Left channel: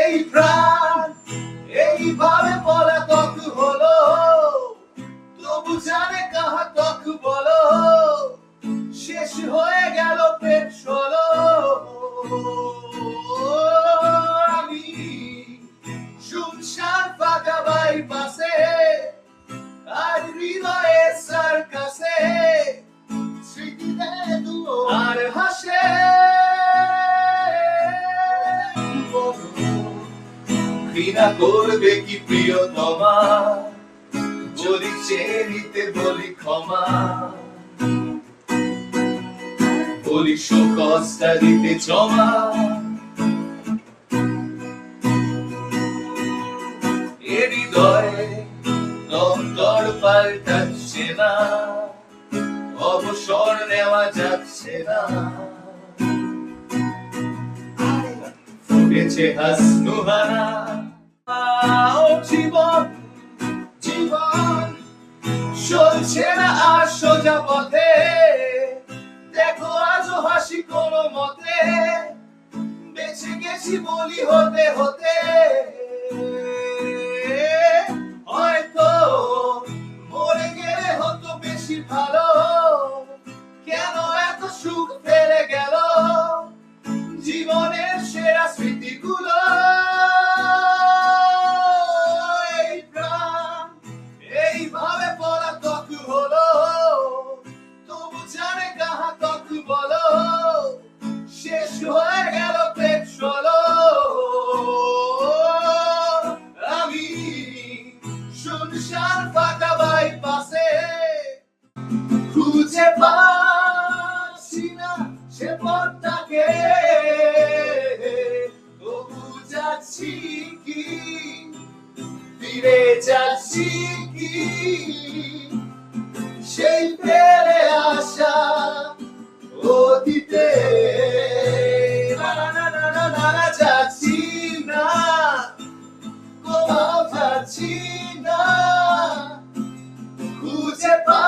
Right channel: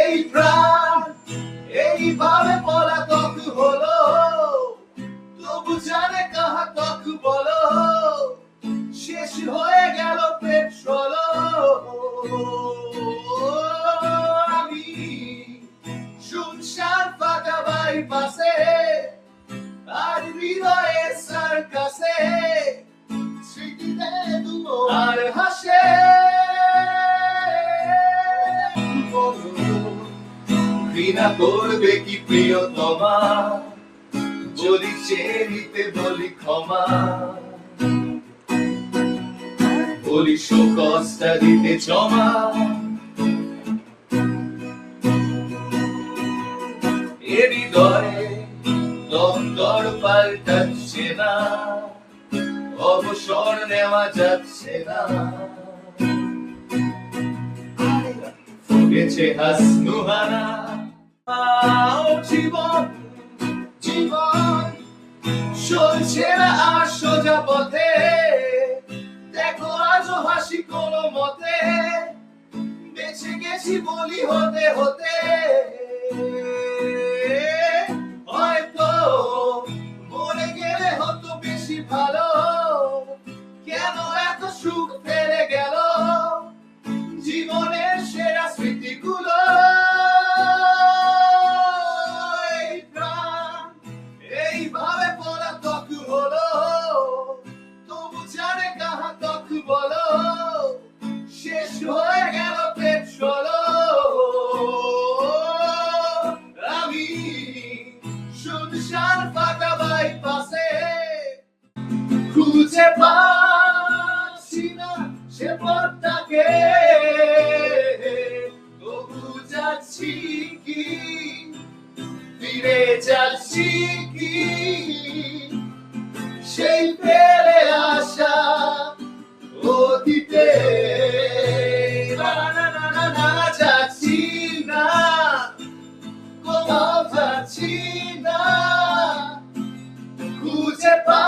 এই প্রাণ এইভাবে পলাতক হলো, তবু জানে কাহা তক বলো, শেষ হয়ে গেল পেট্রোল। আমি শুনশান ফাঁকা বাইপাসে, আর হৃদয়ে সার্কাসে স্মৃতি দেয় দুও আর হাসে। ঘৃণা করবে কি প্রিয়তমা, বলি চেয়ে নিতে বলি ক্ষমা, বলি শোকস্তা দিতে জমা। এ হৃদয়ে দর পাল্টাচ্ছে না, অবসর নেওয়া যাচ্ছে না। ফুটেছে হাসনুহানা জীবন, জীবন চলছে না আর সোজা পথে। দেখো আজও হাসি কোনো মতে, বেঁচে গেছি বলি হতে হতে। হয়তো মরে গেলে হতো বেশি ভালো, কেন এত সুখ ফেলে গেল জীবনের সেরা স্মৃতিগুলো। এই প্রাণ এইভাবে পলাতক হলো, তবু জানে কাহা তক বলো, শেষ হয়ে গেল পেট্রোল। আমি শুনশান ফাঁকা বাইপাসে, খুঁজে পাচ্ছি না সে পথটাকে, তবু যাচ্ছি কি ফিরে যাচ্ছি কি সেই ফেলে আসা অতীতে। না যাচ্ছি না, কোথাও যাচ্ছি না, খুঁজে পা